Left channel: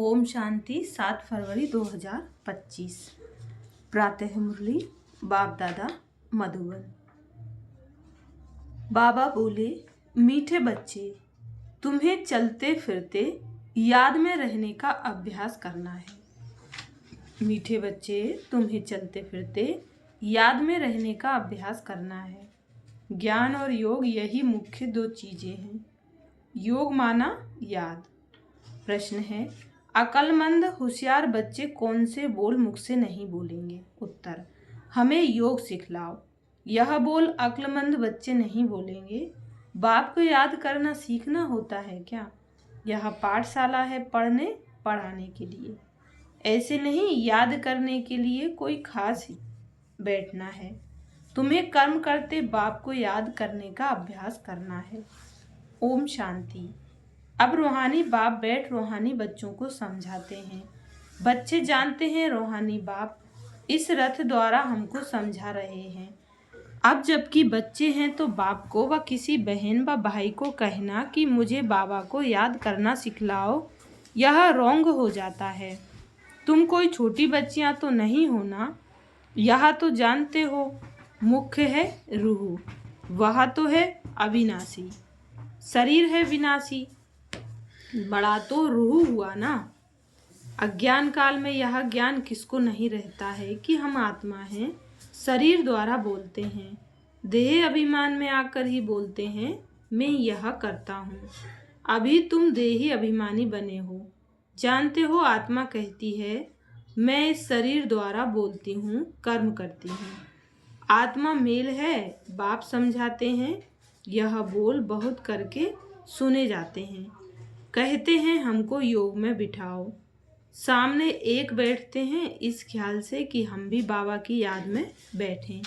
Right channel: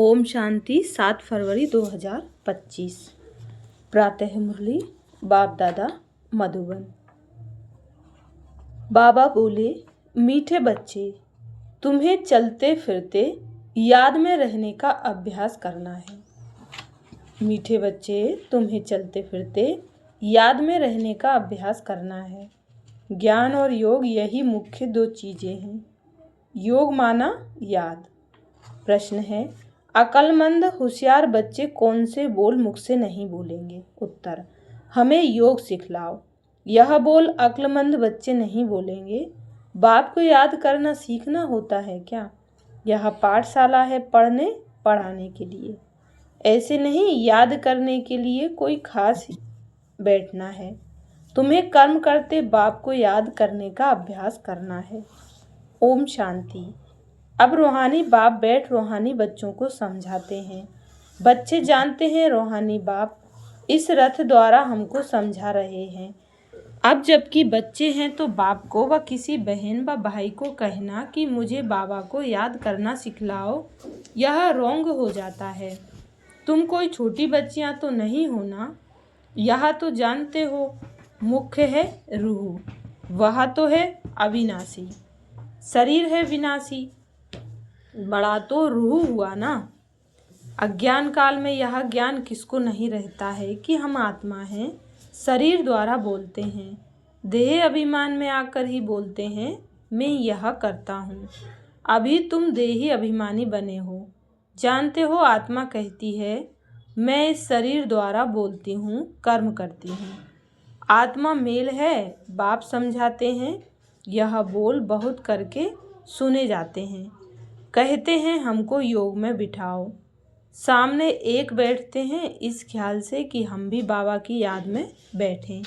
ओम शांति 7 फरवरी 2025। प्रातः मुरली बाप दादा मधुबन। बाबा बोले, मीठे बच्चे, तुम्हें चलते फिरते याद में रहने का अभ्यास करना है। मीठे बच्चे, तुम्हें चलते फिरते याद में रहने का अभ्यास करना है। ज्ञान और योग यही मुख्य दो चीजें हैं। योग माना याद। प्रश्न है, अक्लमंद होशियार बच्चे कौन से बोल मुख से नहीं बोलेंगे? उत्तर, हमें योग सिखलाओ। यह बोल अक्लमंद बच्चे नहीं बोलेंगे। बाप को याद करना सीखना होता है क्या? यह पाठशाला है पढ़ने पढ़ाने के लिए, ऐसे नहीं याद करने के लिए कोई खास बैठना है। तुम्हें कर्म करते बाप को याद करने का अभ्यास करना है। ओम शांति। अब रूहानी बाप बैठ रूहानी बच्चों को समझाते हैं। बच्चे जानते हैं रूहानी बाप इस रथ द्वारा हमको समझा रहे हैं। अब जबकि बच्चे हैं तो बाप को व किसी बहन व भाई को कहना कि मुझे बाबा को याद करना सिखलाओ, यह रोंग हो जाता है। तुम कोई छोटी बच्चियां तो नहीं हो ना? यह तो जानते हो मुख्य है रूह, वह तो है अविनाशी। शरीर है विनाशी, बड़ा तो रूह हुआ ना। अज्ञान काल में यह ज्ञान किसको नहीं रहता है कि हम आत्मा हैं। शरीर द्वारा बोलते हैं, देह अभिमान में आकर ही बोलते हैं मैं यह करता हूँ। अभी तुम देही अभिमानी बने हो। जानते हो आत्मा कहती है मैं इस शरीर द्वारा बोलती हूँ, कर्म करती हूँ। आत्मा मेल है। बाप समझाते हैं, यह बोल बहुत करके सुने जाते हैं। कहते हैं हमको योग में बिठाओ। सामने एक बैठते हैं इस ख्याल से कि हम भी बाबा की याद में बैठें,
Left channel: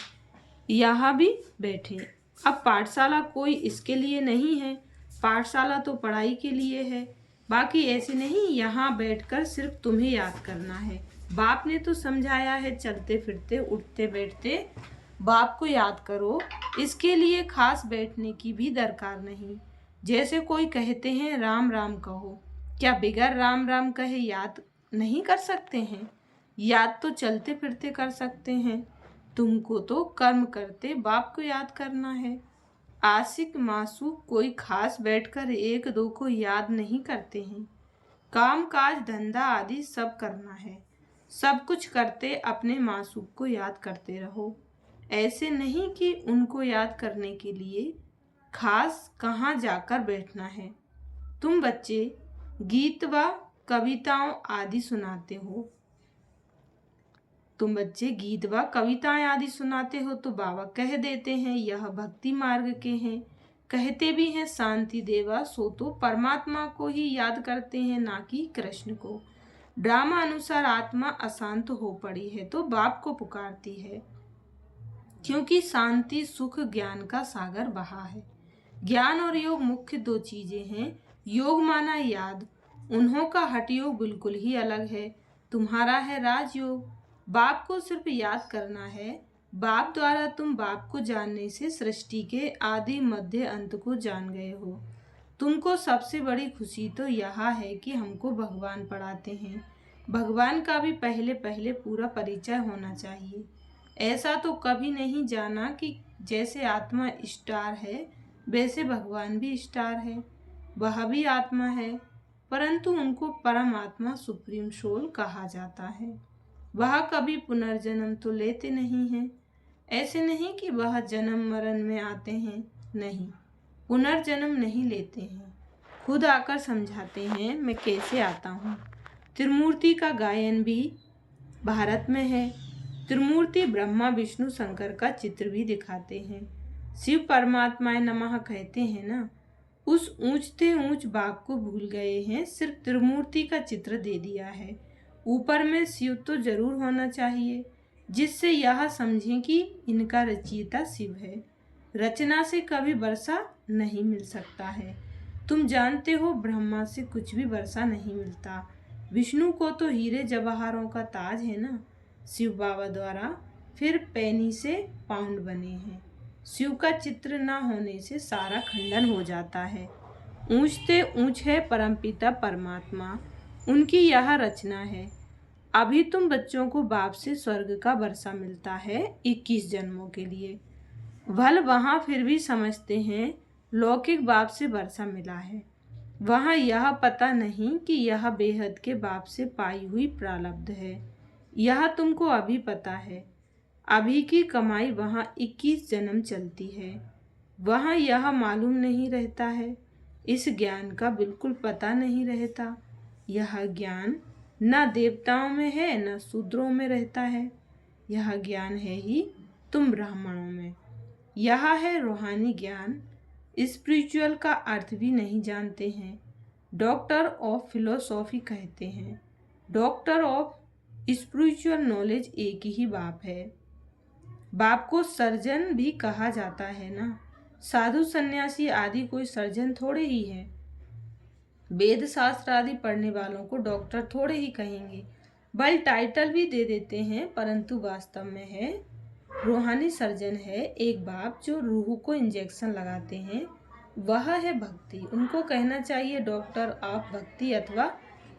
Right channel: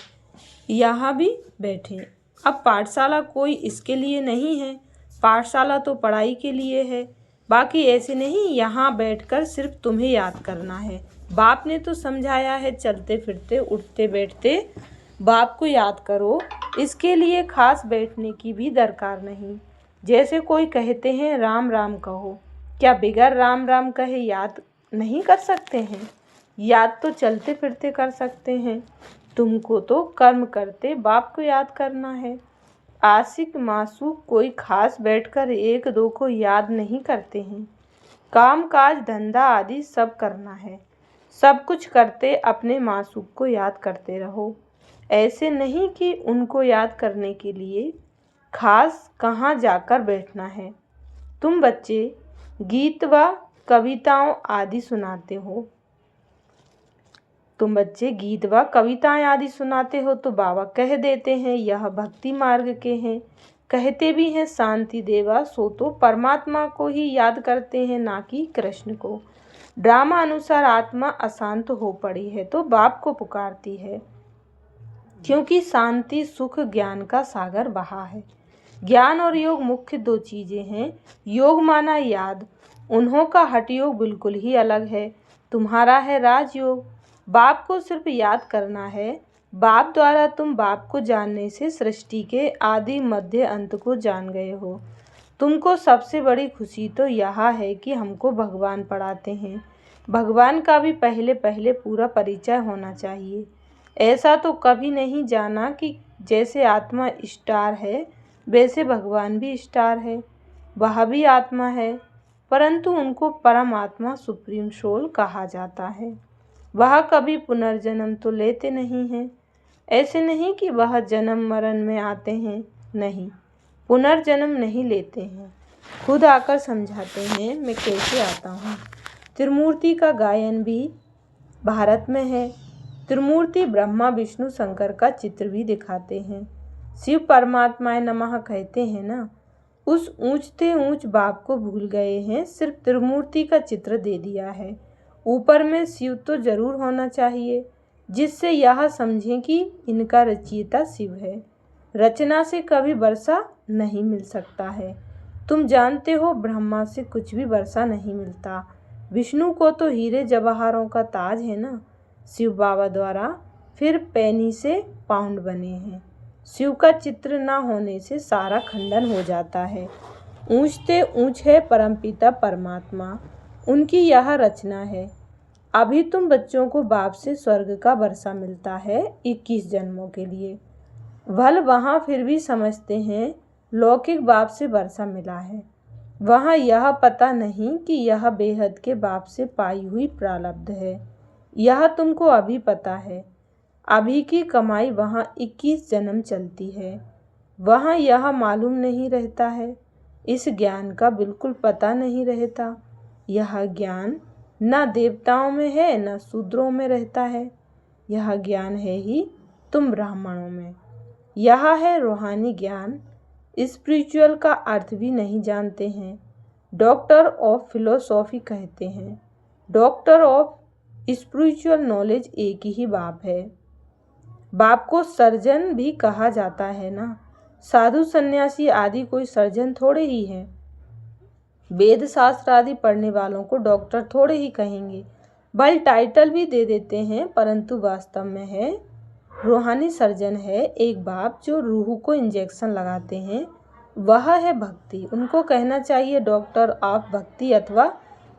यहाँ भी बैठें। अब पाठशाला कोई इसके लिए नहीं है, पाठशाला तो पढ़ाई के लिए है। बाकी ऐसे नहीं यहाँ बैठकर सिर्फ तुम्हें याद करना है। बाप ने तो समझाया है चलते फिरते उठते बैठते बाप को याद करो, इसके लिए खास बैठने की भी दरकार नहीं। जैसे कोई कहते हैं राम राम कहो, क्या बिगर राम राम कहे याद नहीं कर सकते हैं? याद तो चलते फिरते कर सकते हैं। तुमको तो कर्म करते बाप को याद करना है। आशिक मासूक कोई खास बैठकर एक दो को याद नहीं करते हैं। काम काज धंधा आदि सब करना है। सब कुछ करते अपने मासूक को याद करते रहो। ऐसे नहीं कि उनको याद करने के लिए खास कहाँ जाकर बैठना है। तुम बच्चे गीत व कविताओं आदि सुनाते हो, तो बाबा कह देते हैं यह भक्ति मार्ग के हैं। कहते भी हैं शांति देवा, सो तो परमात्मा को ही याद करते हैं ना कि कृष्ण को। ड्रामा अनुसार आत्मा अशांत हो पड़ी है तो बाप को पुकारती है, क्योंकि शांति सुख ज्ञान का सागर बहा है। ज्ञान और योग मुख्य दो चीजें हैं। योग माना याद, उन्हों का हठ योग बिल्कुल ही अलग है। तुम्हारा है राजयोग। बाप को सिर्फ याद करना है। बाप द्वारा तुम बाप को जानने से सृष्टि के आदि मध्य अंत को जान गए हो। तुमको सबसे बड़ी खुशी तो यह है कि हमको भगवान पढ़ाते हैं। भगवान का भी पहले पहले पूरा परिचय होना चाहिए। ऐसा तो कभी नहीं जाना कि जैसे आत्मा स्टार है वैसे भगवान भी स्टार है। वह भी आत्मा है, परंतु उनको परमात्मा सुप्रीम सोल कहा जाता है। वह कभी पुनर्जन्म तो लेते नहीं हैं। ऐसे नहीं कि वह जन्म मरण में आते हैं, नहीं, पुनर्जन्म नहीं लेते हैं। खुद आकर समझाते हैं मैं कैसे आता हूँ। त्रिमूर्ति का गायन भी भारत में है। त्रिमूर्ति ब्रह्मा विष्णु शंकर का चित्र भी दिखाते हैं। शिव परमात्माए नमः कहते हैं ना। उस ऊंचते ऊंच बाप को भूल गए हैं, सिर्फ त्रिमूर्ति का चित्र दे दिया है। ऊपर में शिव तो जरूर होना चाहिए, जिससे यह समझें कि इनका रचयिता शिव है। रचना से कभी वर्षा नहीं मिल सकता है। तुम जानते हो ब्रह्मा से कुछ भी वर्षा नहीं मिलता। विष्णु को तो हीरे जवाहरों का ताज है ना। शिव बाबा द्वारा फिर पैनी से पाउंड बने हैं। शिव का चित्र न होने से सारा खंडन हो जाता है। ऊंचते ऊंच है परमपिता परमात्मा। उनकी यह रचना है। अभी तुम बच्चों को बाप से स्वर्ग का वर्षा मिलता है 21 जन्मों के लिए। भल वहाँ फिर भी समझते हैं लौकिक बाप से वर्षा मिला है। वहाँ यह पता नहीं कि यह बेहद के बाप से पाई हुई प्रारब्ध है। यह तुमको अभी पता है। अभी की कमाई वहाँ 21 जन्म चलती है। वहाँ यह मालूम नहीं रहता है। इस ज्ञान का बिल्कुल पता नहीं रहता। यह ज्ञान न देवताओं में है न शूद्रों में रहता है। यह ज्ञान है ही तुम ब्राह्मणों में। यह है रूहानी ज्ञान। स्पिरिचुअल का अर्थ भी नहीं जानते हैं। डॉक्टर ऑफ फिलोसॉफी कहते हैं। डॉक्टर ऑफ स्पिरिचुअल नॉलेज एक ही बाप है। बाप को सर्जन भी कहा जाता है ना। साधु सन्यासी आदि कोई सर्जन थोड़े ही है। वेद शास्त्र आदि पढ़ने वालों को डॉक्टर थोड़े ही कहेंगे। भले टाइटल भी दे देते हैं, परंतु वास्तव में है रूहानी सर्जन है एक बाप जो रूह को इंजेक्शन लगाते हैं। वह है भक्ति। उनको कहना चाहिए डॉक्टर ऑफ भक्ति अथवा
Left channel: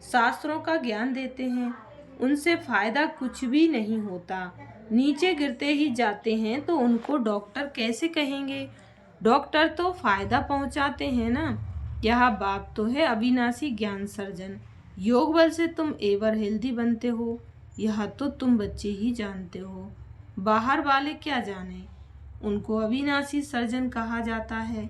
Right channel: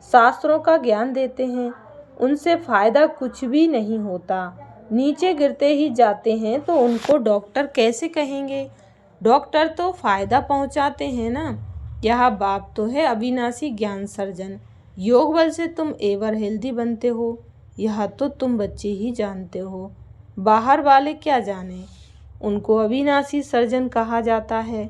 शास्त्रों का ज्ञान देते हैं। उनसे फायदा कुछ भी नहीं होता, नीचे गिरते ही जाते हैं, तो उनको डॉक्टर कैसे कहेंगे। डॉक्टर तो फायदा पहुंचाते हैं ना। यह बाप तो है अविनाशी ज्ञान सर्जन। योग बल से तुम एवर हेल्दी बनते हो, यह तो तुम बच्चे ही जानते हो। बाहर वाले क्या जाने। उनको अविनाशी सर्जन कहा जाता है।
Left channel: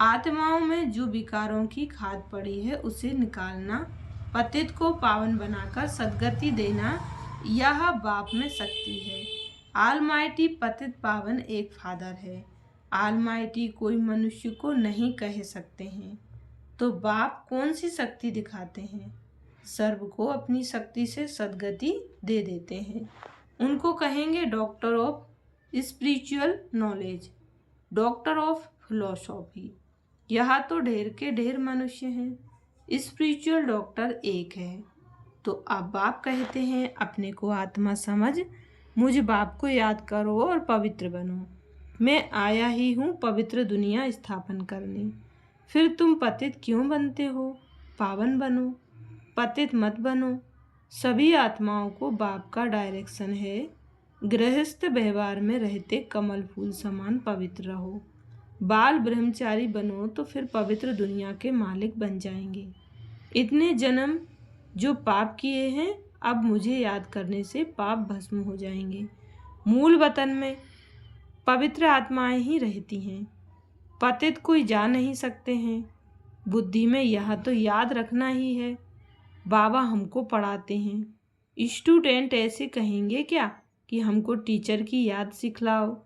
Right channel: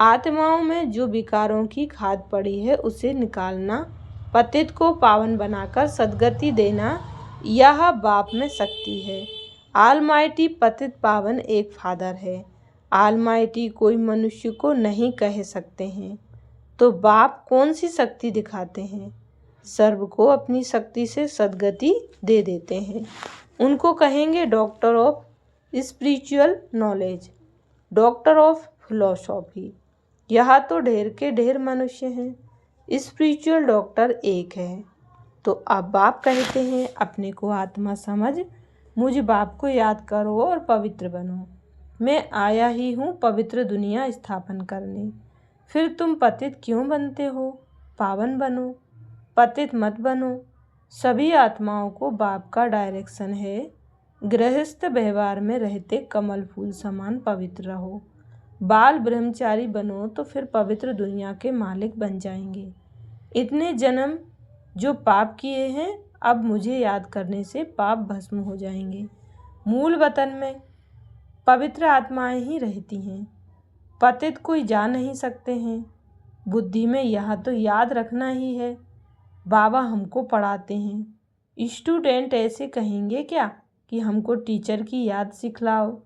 आत्माओं में जो विकारों की खाद पड़ी है उसे निकालना, पतित को पावन बनाकर सद्गति देना, यह बाप में शक्ति है। आलमाइटी पतित पावन एक फादर है। आलमाइटी कोई मनुष्य को नहीं कह सकते हैं। तो बाप कौन सी शक्ति दिखाते हैं। सर्व को अपनी शक्ति से सद्गति दे देते हैं। उनको कहेंगे doctor of spiritual knowledge, doctor of philosophy. यह तो ढेर के ढेर मनुष्य हैं। स्पिरिचुअल डॉक्टर एक है। तो अब बाप कहते हैं अपने को आत्मा समझ, मुझ बाप को याद करो और पवित्र बनो। मैं आया ही हूँ पवित्र दुनिया स्थापन करने। फिर तुम पतित क्यों बनते हो। पावन बनो, पतित मत बनो। सभी आत्माओं को बाप का डायरेक्शन है। गृहस्थ व्यवहार में रहते कमल फूल समान पवित्र रहो। बाल ब्रह्मचारी बनो तो फिर पवित्र दुनिया के मालिक बन जाएंगे। इतने जन्म जो पाप किए हैं, अब मुझे याद करने से पाप भस्म हो जाएंगे। मूल वतन में पवित्र आत्माएं ही रहती हैं। पतित कोई जा नहीं सकते हैं। बुद्धि में यह तो याद रखना ही है। बाबा हमको पढ़ाते हैं। स्टूडेंट ऐसे कहेंगे क्या कि हमको टीचर की याद सिखलाओ।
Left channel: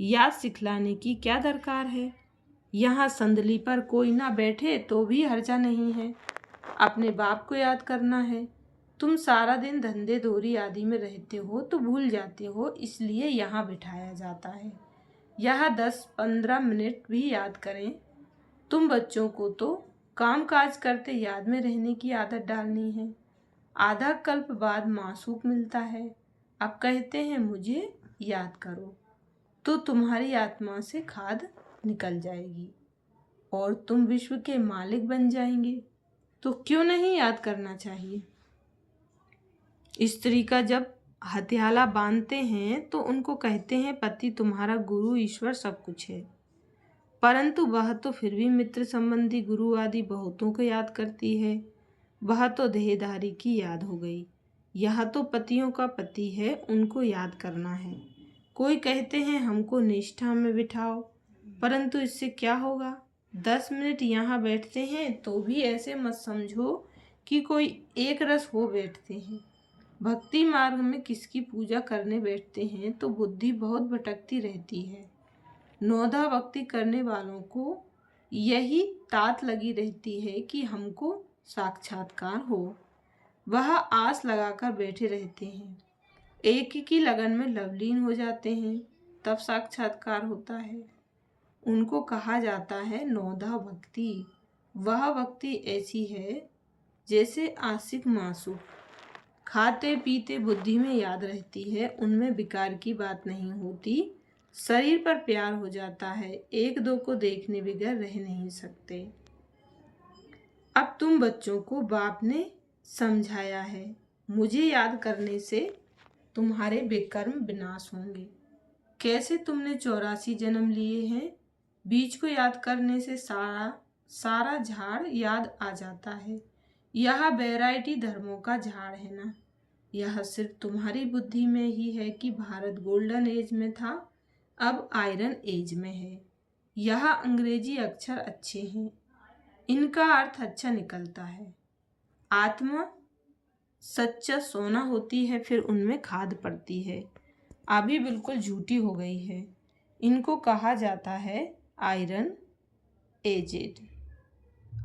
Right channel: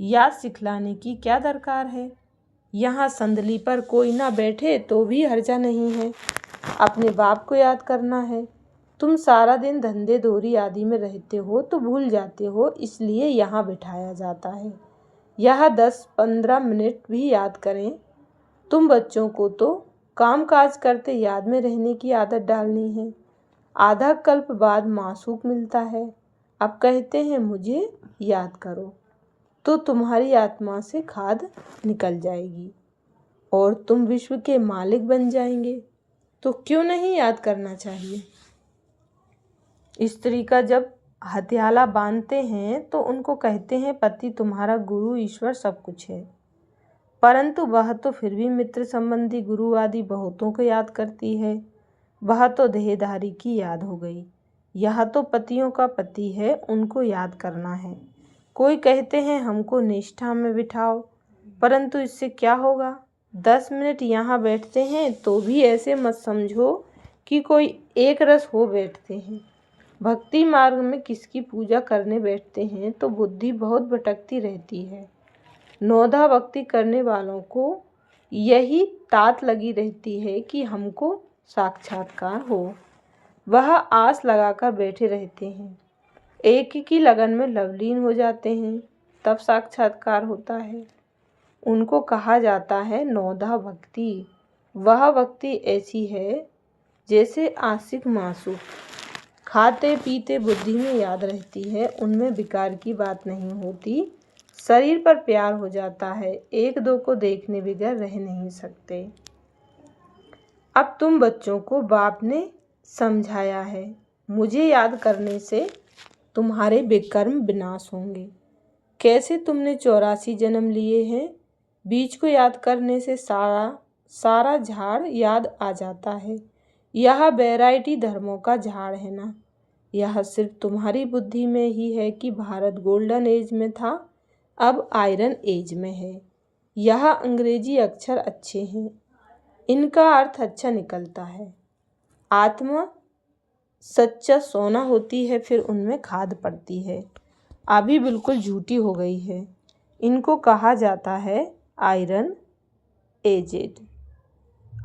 याद सिखलाने की क्या दरकार है। यहाँ संदली पर कोई ना बैठे तो भी हर्जा नहीं है। अपने बाप को याद करना है। तुम सारा दिन धंधे दोरी आदि में रहते हो तो भूल जाते हो, इसलिए यहाँ बिठाया जाता है। यह 10-15 मिनट भी याद करें। तुम बच्चों को तो काम काज करते याद में रहने की आदत डालनी है। आधा कल्प बाद मासूक मिलता है। अब कहते हैं मुझे याद करो, तो तुम्हारी आत्मा से खाद निकल जाएगी और तुम विश्व के मालिक बन जाएंगे। तो क्यों नहीं याद करना चाहिए। स्त्री का जब हथियाला बांधते हैं तो उनको कहते हैं पति तुम्हारा गुरु ईश्वर सब कुछ है, परंतु वह तो फिर भी मित्र संबंधी गुरु आदि बहुतों को याद करती है। वह तो देहधारी की याद हो गई। यह तो पतियों का पति है, उनको याद करना है। कोई कहते हैं हमको निष्ठा में बिठाओ, परंतु इससे क्या होगा। 10 मिनट यहाँ बैठते हैं तो भी ऐसे मत समझो कि कोई एक रस हो बैठते हैं। भक्ति मार्ग में किसकी पूजा करने बैठते हैं तो बुद्धि बहुत भटकती रहती है। नौधा भक्ति करने वालों को यही तात लगी रहती है कि हमको साक्षात्कार हो। वह आस लगाकर बैठे रहते हैं। एक की लगन में लवलीन हो जाते हैं, तब साक्षात्कार होता है। उनको कहा जाता है नौधा भक्ति। वह भक्ति ऐसी है जैसे आशिक मासूक, खाते पीते बुद्धि में याद रहती है, उनमें विकार की बात नहीं होती। शरीर पर प्यार हो जाता है, एक दो को देखने बगैर रह नहीं सकते। अब तुम बच्चों को बाप ने समझाया है, मुझे याद करने से तुम्हारे विकर्म विनाश होंगे। कैसे तुमने 84 जन्म लिए हैं। बीज को याद करने से सारा झाड़ याद आ जाता है। यह वैरायटी धर्मों का झाड़ है ना। यह सिर्फ तुम्हारी बुद्धि में ही है कि भारत गोल्डन एज में था, अब आयरन एज में है। यह अंग्रेजी अक्षर अच्छे हैं, इनका अर्थ अच्छा निकलता है। आत्मा सच्चा सोना होती है, फिर उनमें खाद पड़ती है। अभी बिल्कुल झूठी हो गई है। इनको कहा जाता है आयरन एजेड।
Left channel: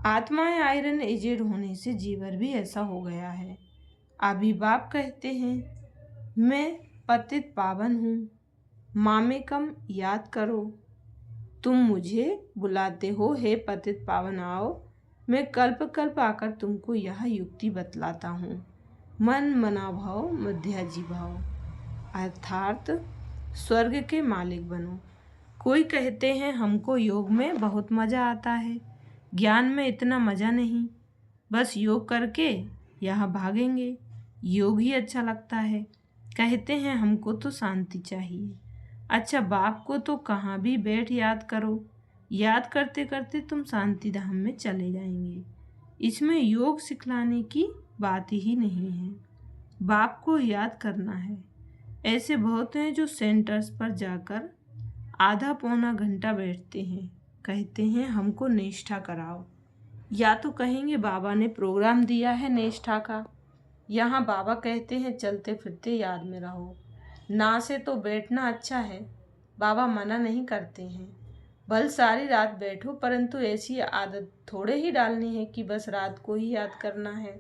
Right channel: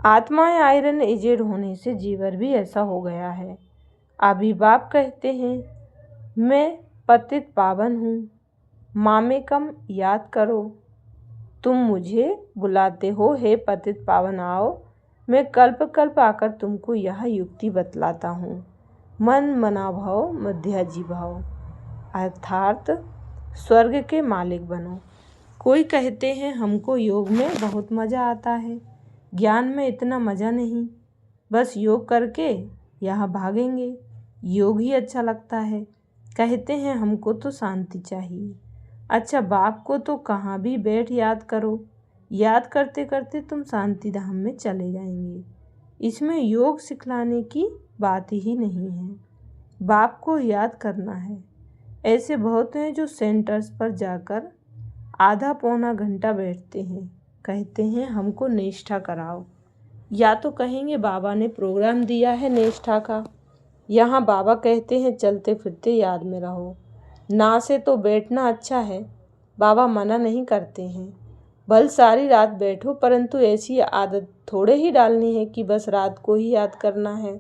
आत्माएं आयरन एजेड होने से जीवर भी ऐसा हो गया है। अभी बाप कहते हैं, मैं पतित पावन हूँ, मामेकम याद करो। तुम मुझे बुलाते हो, हे पतित पावन आओ। मैं कल्प कल्प आकर तुमको यह युक्ति बतलाता हूँ। मन मना भाव मध्याजी भाव, अर्थात स्वर्ग के मालिक बनो। कोई कहते हैं हमको योग में बहुत मज़ा आता है, ज्ञान में इतना मज़ा नहीं, बस योग करके यहाँ भागेंगे, योग ही अच्छा लगता है। कहते हैं हमको तो शांति चाहिए। अच्छा, बाप को तो कहाँ भी बैठ याद करो, याद करते करते तुम शांति धाम में चले जाएंगे। इसमें योग सिखलाने की बात ही नहीं है, बाप को याद करना है। ऐसे बहुत हैं जो सेंटर्स पर जाकर आधा पौना घंटा बैठते हैं, कहते हैं हमको निष्ठा कराओ, या तो कहेंगे बाबा ने प्रोग्राम दिया है निष्ठा का। यहाँ बाबा कहते हैं चलते फिरते याद में रहो। ना से तो बैठना अच्छा है, बाबा मना नहीं करते हैं, भल सारी रात बैठो, परंतु ऐसी आदत थोड़े ही डालनी है कि बस रात को ही याद करना है।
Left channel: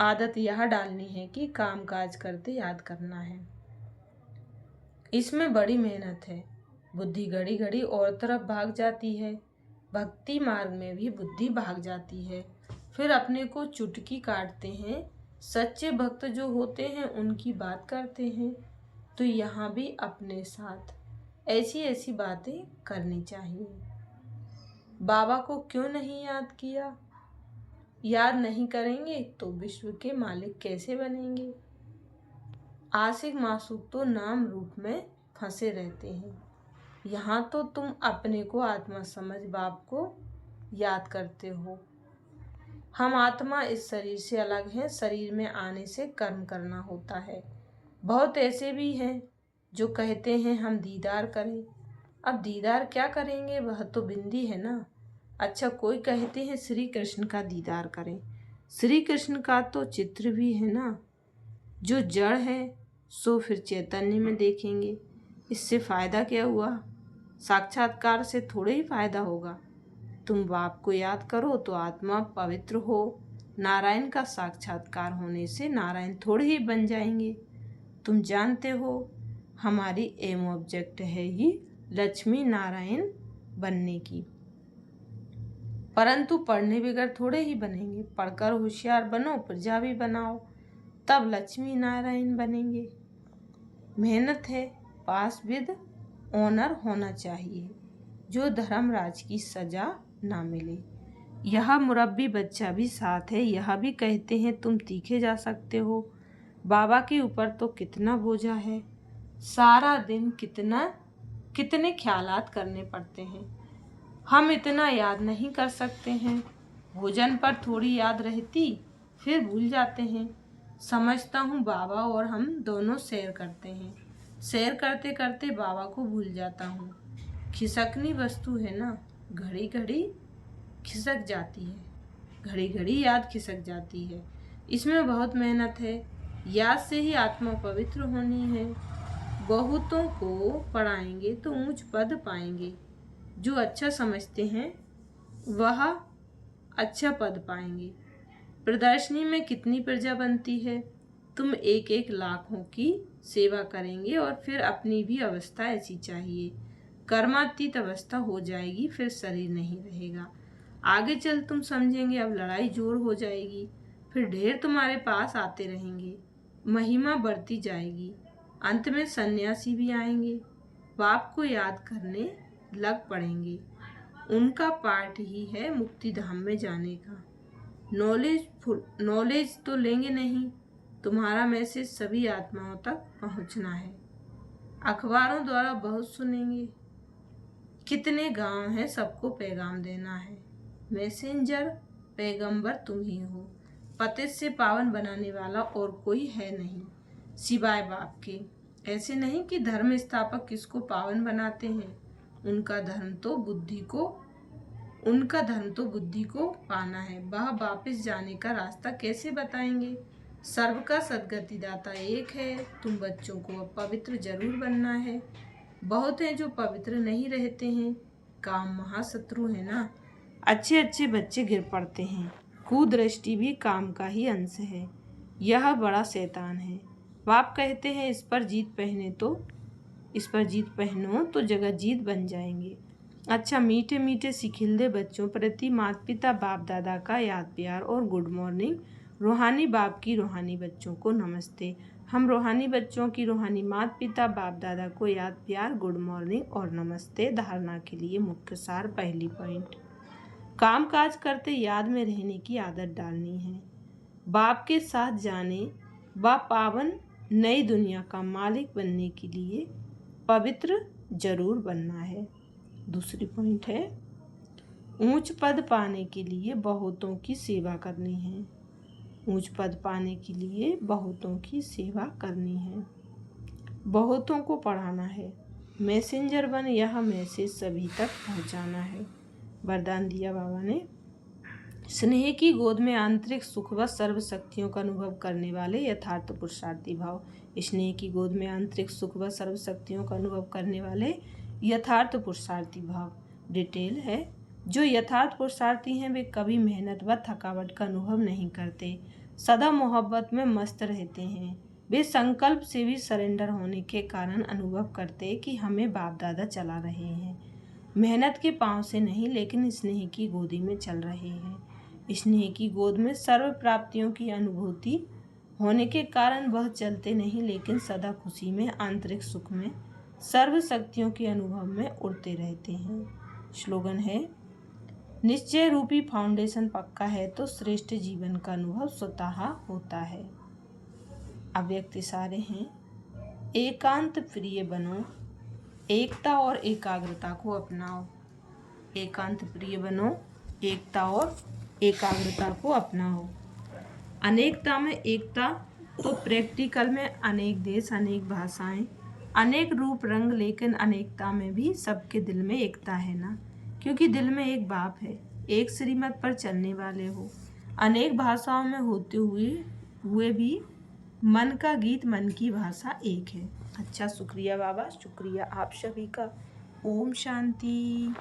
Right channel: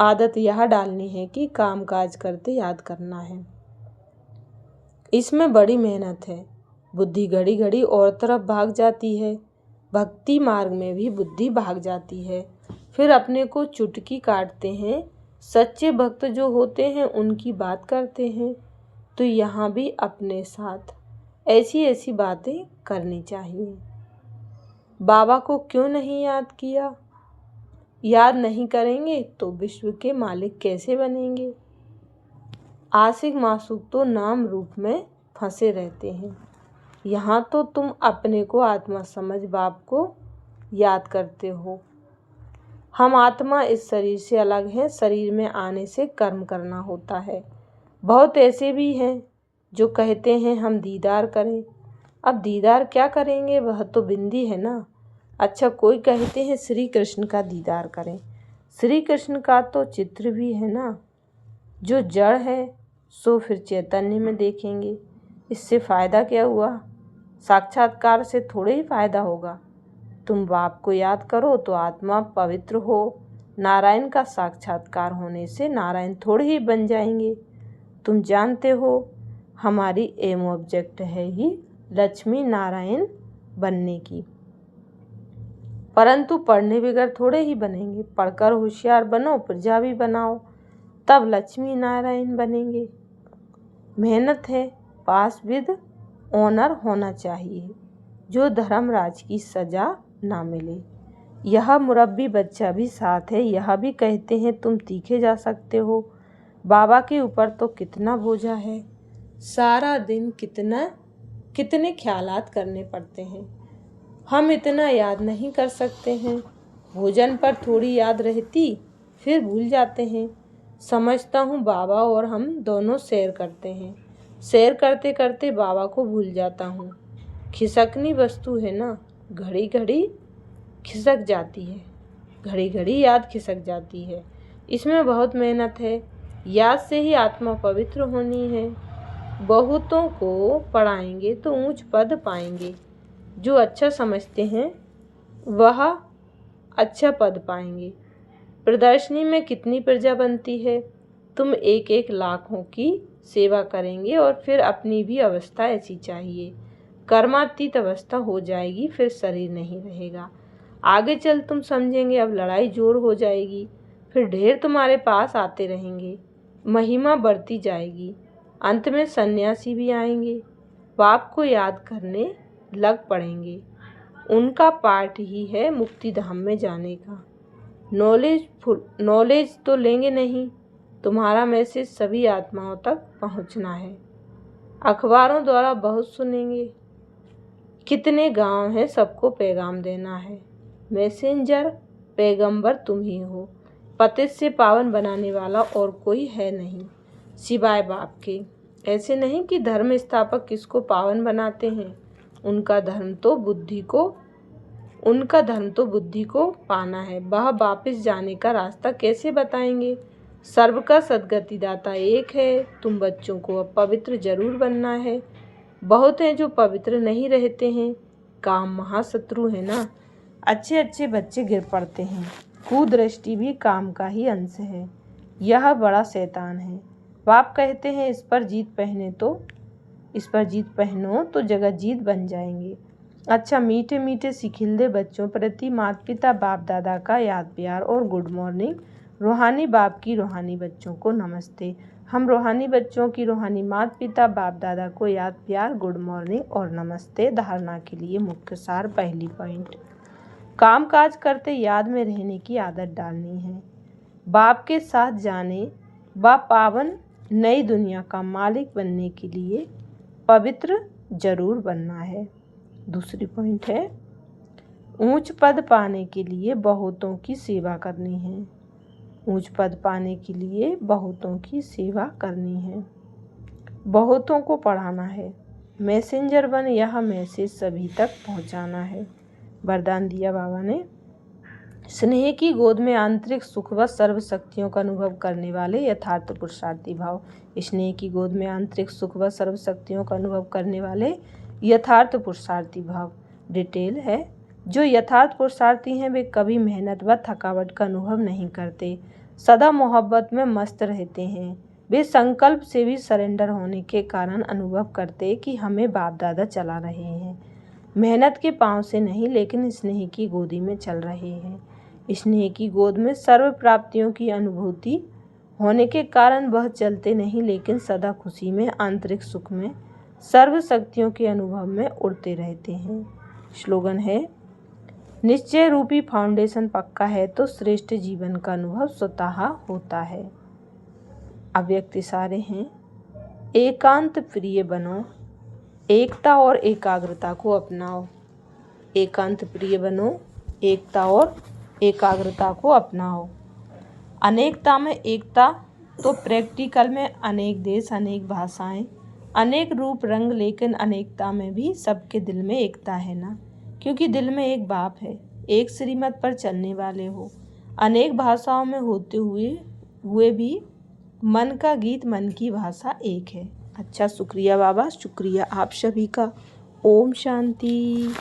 आदत यह डालनी है कि काम काज करते याद करना है। इसमें बड़ी मेहनत है। बुद्धि घड़ी घड़ी और तरफ भाग जाती है। भक्ति मार्ग में भी बुद्धि भाग जाती है, फिर अपने को चुटकी काटते हैं। सच्चे भक्त जो होते हैं उनकी बात करते हैं, तो यहाँ भी अपने साथ ऐसी ऐसी बातें करनी चाहिए। बाबा को क्यों नहीं याद किया? याद नहीं करेंगे तो विश्व के मालिक कैसे बनेंगे? आशिक मासूक तो नाम रूप में फंसे रहते हैं। यहाँ तो तुम अपने को आत्मा समझ बाप को याद करते हो। हम आत्मा इस शरीर से अलग हैं, शरीर में आने से कर्म करना होता है। बहुत ऐसे भी हैं जो कहते हैं हम दीदार करें। अब दीदार क्या करेंगे, वह तो बिंदी है ना। अच्छा, कोई कहते हैं श्री कृष्ण का दीदार करें। श्री कृष्ण का तो चित्र भी है ना। जो जड़ है सो फिर चैतन्य में देखेंगे, इससे फ़ायदा क्या हुआ? साक्षात्कार से थोड़े ही फ़ायदा होगा। तुम बाप को याद करो तो आत्मा पवित्र हो। नारायण का साक्षात्कार होने से नारायण थोड़े ही बन जाएंगे। तुम जानते हो हमारी एम ऑब्जेक्ट है ही लक्ष्मी नारायण बनने की, परंतु पढ़ने बगैर थोड़े ही बनेंगे। पढ़कर होशियार बनो, प्रजा भी बनाओ, तब लक्ष्मी नारायण बनेंगे। मेहनत है, पास विद ऑनर होना चाहिए, जो धर्मराज की सजा ना मिले। यह मुरब्बी बच्चा भी साथ है, यह भी कहते हैं तुम तीखे जा सकते हो। बाबा के ऊपर तो कितना बोझा है, सारा दिन कितने ख्यालात करने पड़ते हैं। हम इतना याद नहीं कर सकते हैं। भोजन पर थोड़ी याद रहती, फिर भूल जाते हैं। समझता हूँ बाबा और हम दोनों सैर करते हैं, सैर करते करते बाबा को भूल जाता हूँ। खिसकनी वस्तु है ना, घड़ी घड़ी खिसक जाती है, घड़ी घड़ी याद खिसक जाती है। इसमें बहुत मेहनत है। याद से ही आत्मा पवित्र होनी है। बहुतों को पढ़ाएंगे तो ऊंच पद पाएंगे। जो अच्छा समझते हैं वह अच्छा पद पाएंगे। प्रदर्शनी में कितनी प्रजा बनती है। तुम एक एक लाखों की सेवा करेंगे और फिर अपनी भी अवस्था ऐसी चाहिए। कर्मातीत अवस्था हो जाएगी, फिर शरीर नहीं रहेगा। आगे चल तुम समझेंगे, अब लड़ाई जोर हो जाएगी, फिर ढेर तुम्हारे पास आते रहेंगे, महिमा बढ़ती जाएगी। अंत में सन्यासी भी आएंगे, बाप को याद करने लग पड़ेंगे। उनका पार्ट ही है मुक्ति धाम में जाने का। नॉलेज तो लेंगे नहीं, तुम्हारा मैसेज सभी आत्माओं तक पहुंचना है। अखबारों द्वारा बहुत सुनेंगे, कितने गांव हैं, सबको पैगाम देना है। मैसेंजर पैगंबर तुम ही हो, पतित से पावन बनाने वाला और कोई है नहीं सिवाय बाप के। ऐसे नहीं कि धर्म स्थापक किसको पावन बनाते हैं, उनका धर्म तो बुद्धि को पाना है। वह वापस जाने का रास्ता कैसे बताएंगे? सर्व का सद्गति दाता एक है। तुम बच्चों को अब पवित्र जरूर बनना है। बहुत हैं जो पवित्र नहीं रहते हैं। काम महाशत्रु है ना। अच्छे बच्चे गिर पड़ते हैं। कुदृष्टि भी काम का ही अंश है। यह बड़ा शैतान है। बाप कहते हैं इस पर जीत पहनो तो जगत जीत बन जाएंगे। अच्छा, मीठे मीठे सिखिलदे बच्चों प्रति माता पिता बाप दादा का याद प्यार और गुड मॉर्निंग। रूहानी बाप की रूहानी बच्चों को नमस्ते। हम रूहानी बच्चों की रूहानी माता पिता बाप दादा को याद प्यार, गुड मॉर्निंग और नमस्ते। धारणा के लिए मुख्य सार। पहली पॉइंट, काम काज करते याद में रहने की आदत डालनी है। बाप के साथ जाने व पावन नई दुनिया का मालिक बनने के लिए पवित्र जरूर बनना है। दूसरी पॉइंट है, ऊंच पद पाने के लिए बहुतों की सेवा करनी है। ऊंच पद पाने के लिए बहुतों की सेवा करनी है, बहुतों को पढ़ाना है। मैसेंजर बन यह मैसेज सभी तक पहुंचाना है। वरदान दिया बाबा ने, स्नेह की गोद में आंतरिक सुख व सर्व शक्तियों का अनुभव करने वाले यथार्थ पुरुषार्थी भाव। स्नेह की गोद में आंतरिक सुख व सर्व शक्तियों का अनुभव करने वाले यथार्थ पुरुषार्थी भाव। डिटेल है, जो यथार्थ पुरुषार्थी हैं वे कभी मेहनत व थकावट का अनुभव नहीं करते, सदा मोहब्बत में मस्त रहते हैं। वे संकल्प से भी सरेंडर होने के कारण अनुभव करते कि हमें बाप दादा चला रहे हैं। मेहनत के पांव से नहीं, लेकिन स्नेह की गोदी में चल रहे हैं। स्नेह की गोद में सर्व प्राप्तियों की अनुभूति होने के कारण वह चलते नहीं, लेकिन सदा खुशी में, आंतरिक सुख में, सर्व शक्तियों के अनुभव में उड़ते रहते हैं। स्लोगन है, निश्चय रूपी फाउंडेशन पक्का है तो श्रेष्ठ जीवन का अनुभव स्वतः होता है। अव्यक्त इशारे हैं, एकांत प्रिय बनो, एकता और एकाग्रता को अपनाओ। एकांत प्रिय बनो, एकता और एकाग्रता को अपनाओ। अनेकता में एकता तो प्रैक्टिकल में अनेक देश, अनेक भाषाएं, अनेक रूप रंग, लेकिन अनेकता में भी सबके दिल में एकता है ना, क्योंकि दिल में एक बाप है। एक श्रीमत पर चलने वाले हो, अनेक भाषाओं में होते हुए भी मन का गीत, मन की भाषा एक है। अच्छा, शुक्रिया बाबा, शुक्रिया आप सभी का। ओम शांति।